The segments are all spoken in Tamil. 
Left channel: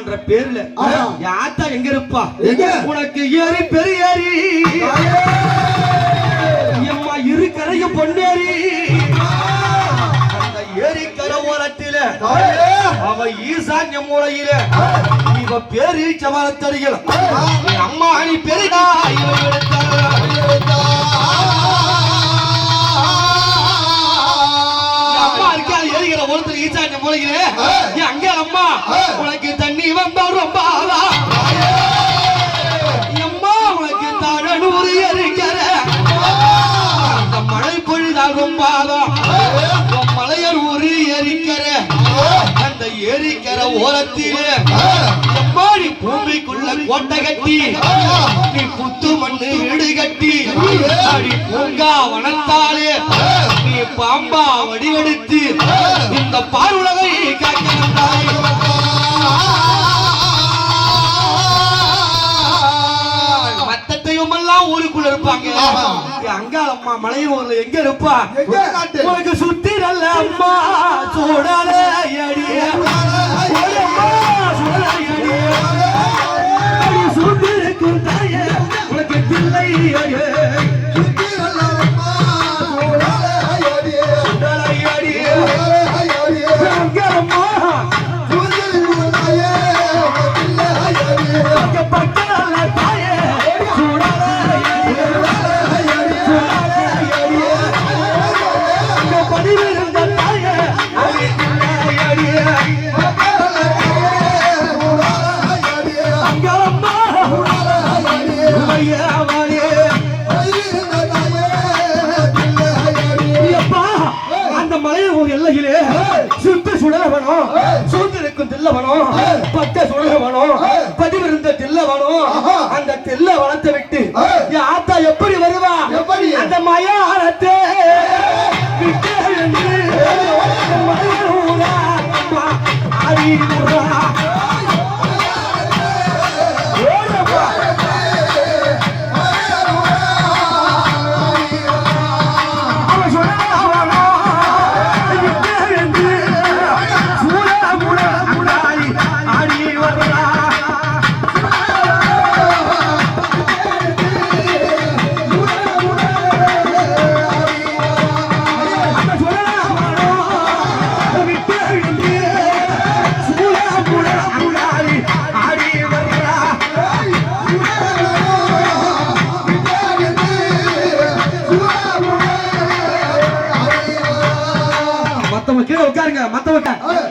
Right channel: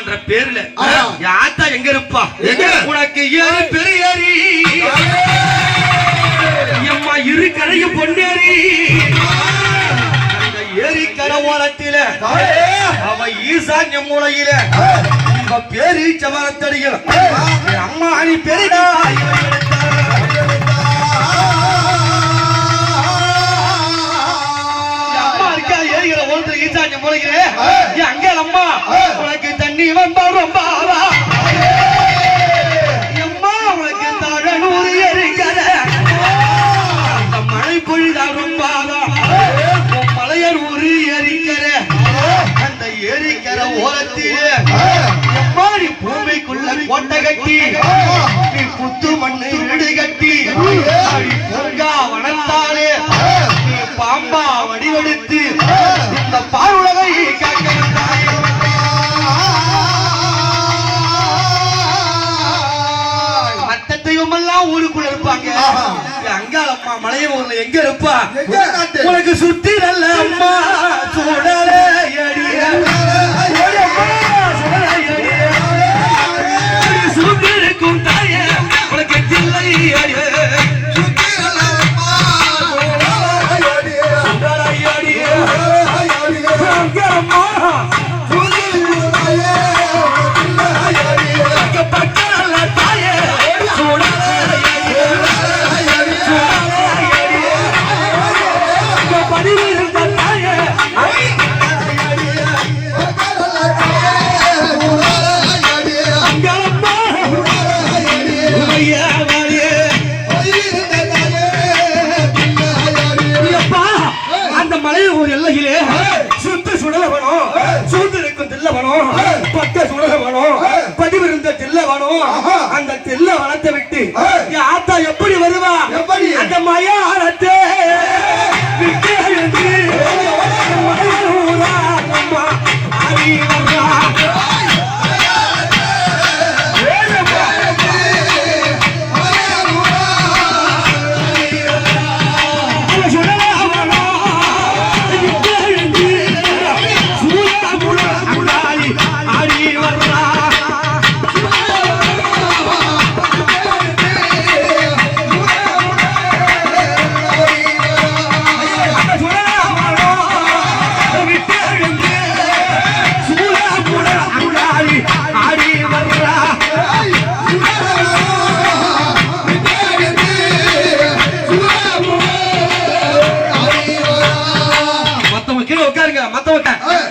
அம்மான்ற பேர்ல யாத்தா எங்க இருப்பா? உனக்கு ஏறி பெரியாரி அம்மா இரு கரையும் பொன்னேரி அந்த ஏரி கரவோரத்தில அவ ஈசான்ய மூலையில உங்க பேரு சவாலத்தடிகள் அம்மா நீ பெரியா ஈசான்ய மூலையிலே அங்க அம்மா உனக்கு தண்ணி வந்தா ரொம்ப அம்மா உனக்கு தகனூறு எரிக்கிற மழை பொழுதா ரொம்ப மலையர் ஊரு எரிக்கிற அந்த எரிக்கிற ஓரத்திலே அம்மா நீ பூமிக்குள்ள கோட்டை கட்டி நீ புத்து மண்ணு வீடு கட்டி அப்படி பூங்கா வனத்தாலே நீ பாம்பா வடிவெடுத்து இந்த பாருலகை மத்தத்தையும் எல்லாம் ஊருக்குள்ள இருப்பாங்க அங்க அம்மா மலையூர்ல எங்க இருப்பா? உனக்கு சுத்தி நல்ல அம்மா சூடாலே சுத்தி இருக்கும் தாயே உனக்கு தில்லை எல்லையிலே சுத்த சுடலவனும் சூழ்ந்திருக்கும் தில்லவனும் பட்ட சுடலவனும் பதிவிருந்த தில்லவனும் அந்த தில்ல வனத்தை விட்டு ஆத்தா எப்படி வருவா? அந்த மயானத்தை விட்டு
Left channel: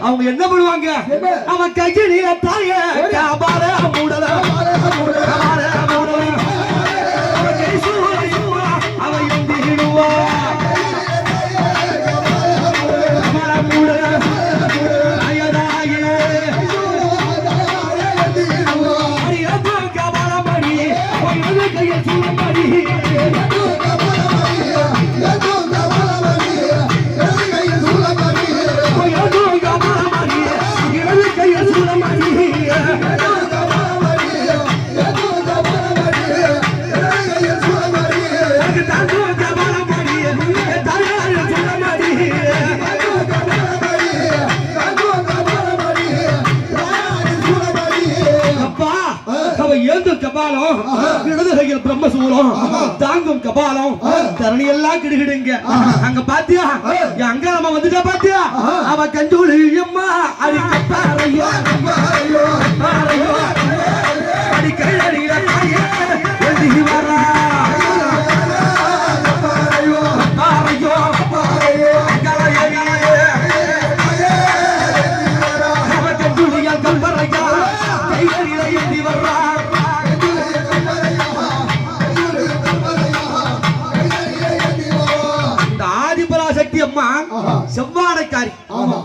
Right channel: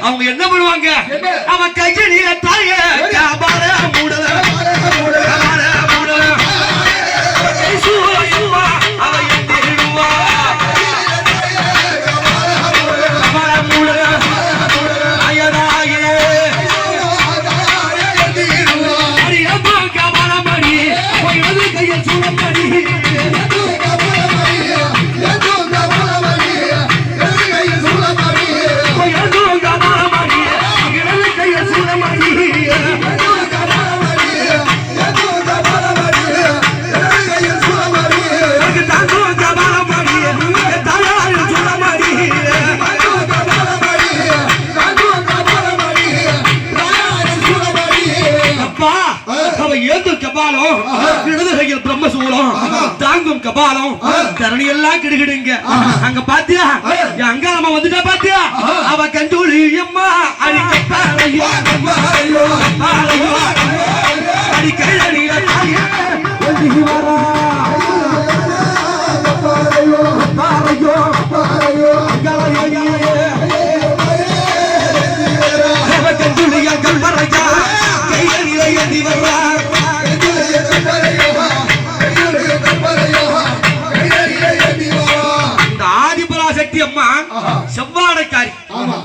அவங்க என்ன பண்ணுவாங்க? அவன் கையில தாய பிரம்மசூலம் தாங்கும் கபாலம் தரணி எல்லாம் கிடுகிடுங்க. அங்க பாத்தியா அங்க நம்ம வந்துட்டா பாத்தியா அவ கண்டூளி அம்மா அடி கப்பாரையோ அடி கையடியில அவ கண்டூளியா கப்பரையா கையடியில ஏந்தி வர்றா செவ்வாடைக்காரி.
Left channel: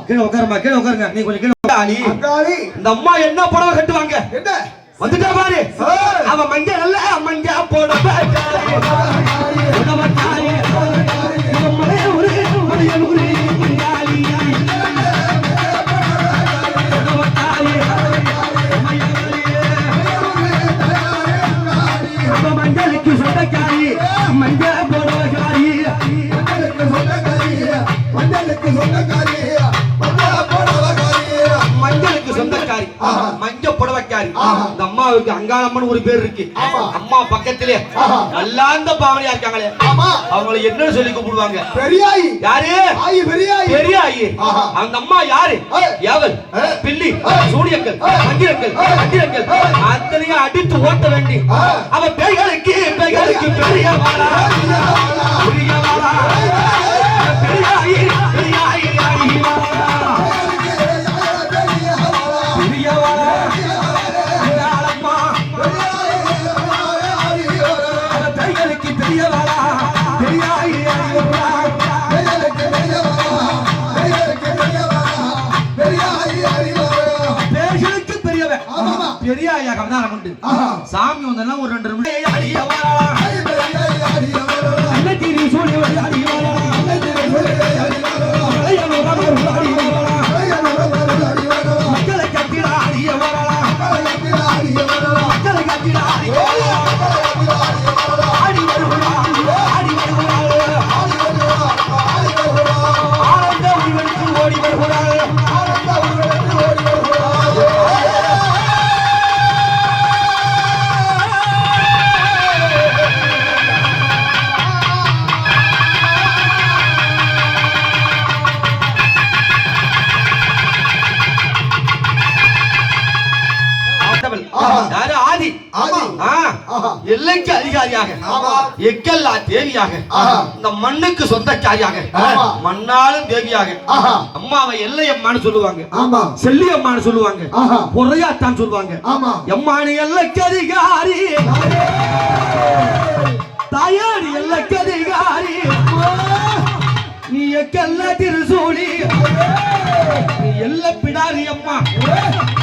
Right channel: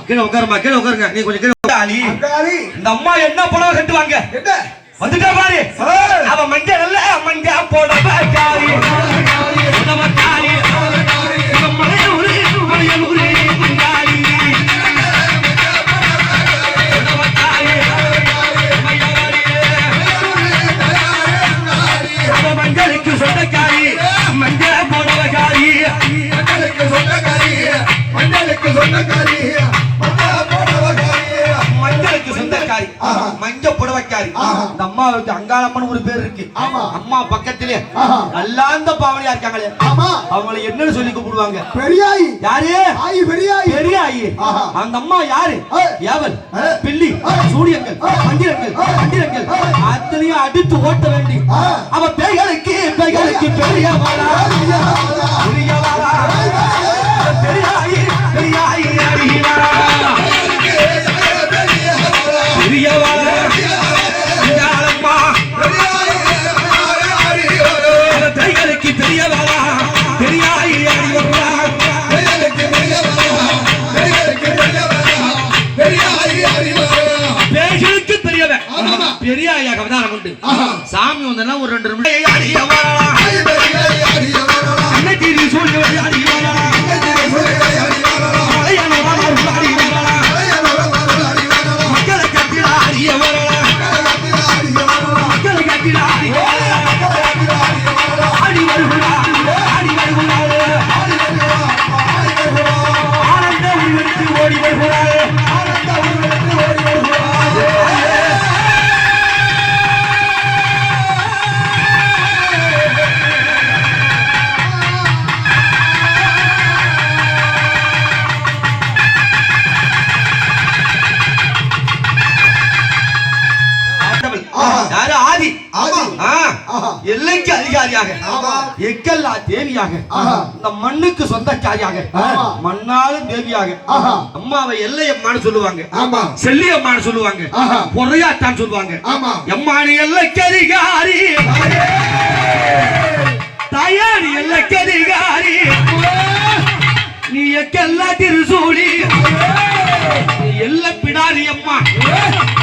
கீழே உட்காருமா, கீழே உட்காருங்க. நீ கொஞ்சம் கீழே. இந்த அம்மா என்ன புடவை கட்டுவாங்க? வந்துட்டா பாரு. அவ மஞ்சள் நல்ல மஞ்சள் புடவை காரி. மஞ்சளுக்கு சொந்தக்காரி, மஞ்சள் புடவை காரி. மஞ்சளுக்கு சொந்தக்காரி மஞ்சள் அம்மாவுக்கு அங்காளம்மன் ஒரு பேர் இருக்கு. அம்மா பக்கத்திலே நல்லாந்த பாவனையா இருக்காங்களே, அவங்களை என்னன்னு சொல்லி கூப்பிடுவாங்க? பெரியாயி. யாரு? பெரியாயி. அந்த அம்மா யாரு? ஏவல், பில்லி, சூனியங்கள், அங்கிரங்கள் அத்தனையும் அடித்து ஓட்ட வேண்டி அவ பேய்களுக்கு பெரியவாளா பெரியாயி பெரியாயாக அவதாரம் உண்டு. சாமி வந்தா ஒரு 2 நிமிடம் மக்களை கட்டிட அடிய அடி ஆனந்த உருவத்துக்கு ஓடி வருகிறார். எல்லைக்கு அதிகாரியாக, எக்கல்லா தேவியாக, இந்த மண்ணுக்கு சொந்தக்காரியாக, மண்ணாலும் தேவியாக, அம்மாவை எல்லையம்மான்னு சொல்லுவாங்க, செல்லியம்மான்னு சொல்லுவாங்க, பொறையாட்டான்னு சொல்லுவாங்க. எம்மானு எல்லைக்கு அதிகாரி, தாயாரி எல்லைக்கு அதிகாரி, நீ எக்கல்லா திருசூலி, நீ எல்ல பிடாரி அம்மா,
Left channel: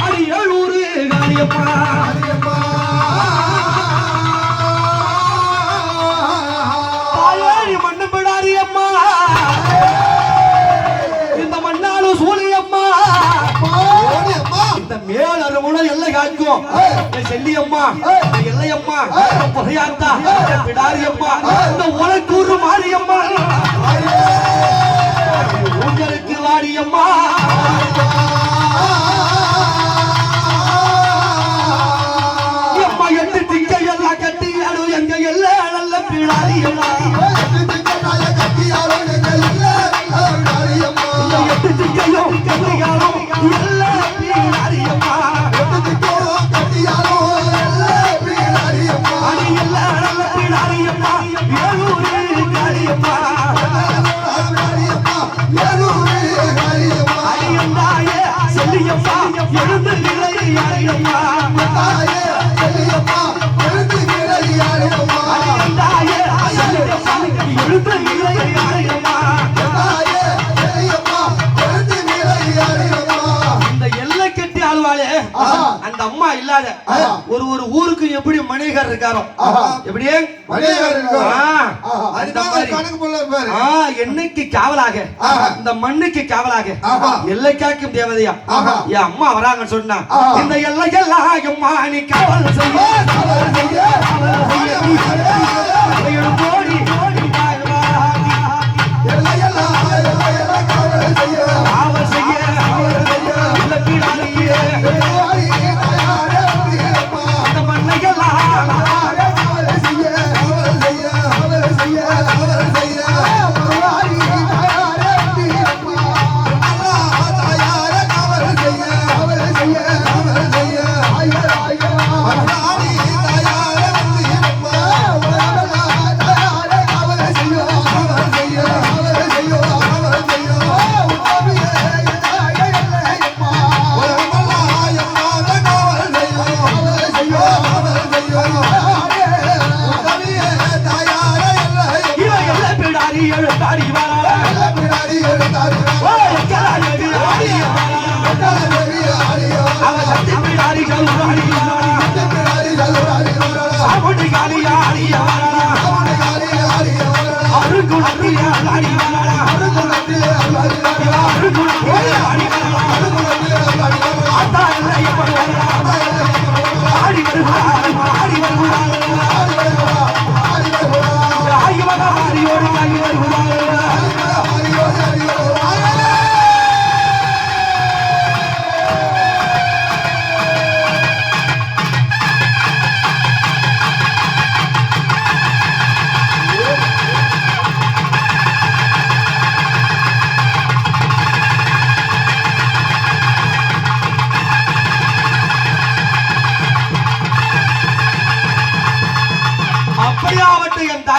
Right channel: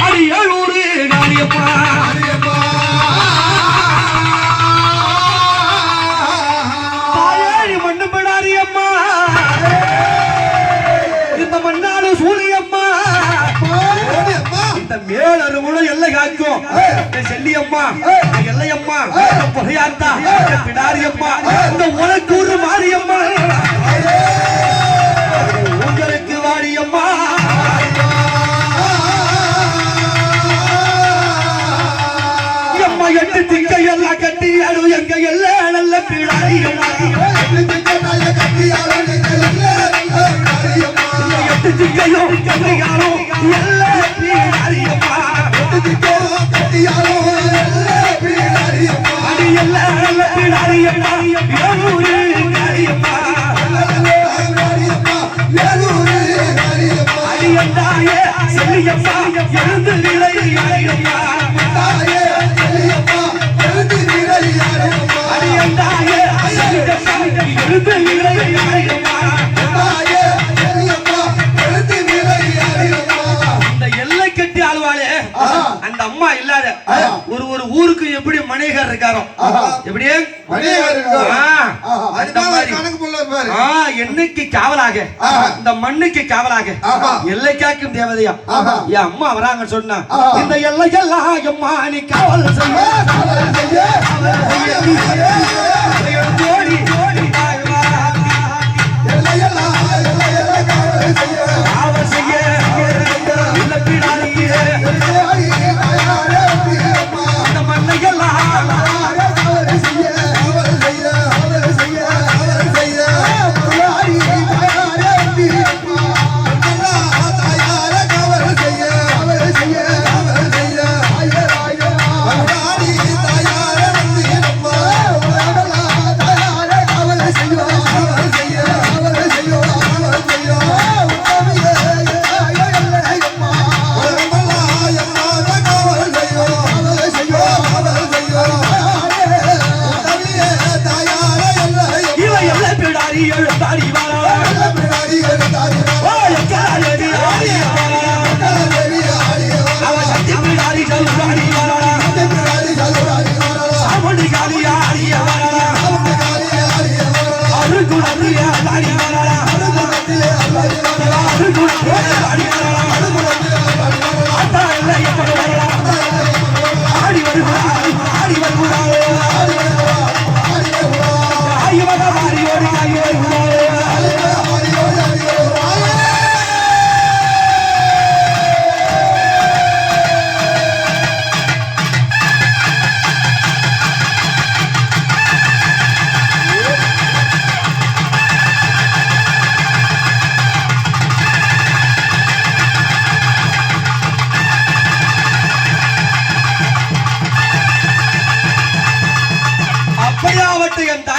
அது 700 காளியம்மா. மேலும் எல்லை காக்கும் செல்லியம்மா, எல்லையம்மா, பொகையாத்தா, பிடாரியம்மா, இந்த உனக்கூறு மாரியம்மா, உங்களுக்கு வாரியம்மா. அம்மா 8 திங்க எல்லாம் கட்டியாலும் எங்க எல்ல நல்ல பிடாரியம்மா, 8 திங்கையும் கட்டியாலும் எல்ல பிடாரியம்மா, கட்டியாலும் அது எல்ல நல்ல பிடாரியம்மா, 700 காரியம்மா, அது எந்தாயே செல்லியம்மா, எழுந்து நிலை யாரையம்மா, அது எந்தாயே செல்லியம்மா, எழுந்து நிலை யாரையம்மா. அந்த அம்மா இல்லாத ஒரு ஊருக்கு எப்படி மணிகர் இருக்காரோ, எப்படி என்னைக்கு காவலாக, இந்த மண்ணுக்கு காவலாக, எல்லை காக்கும் தேவதையா என் அம்மா வராங்கன்னு சொன்னா, இந்த எல்லையெல்லாம் அம்மா நீ காவல் செய்ய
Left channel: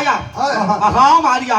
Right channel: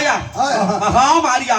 தாயார் மகா மாரியா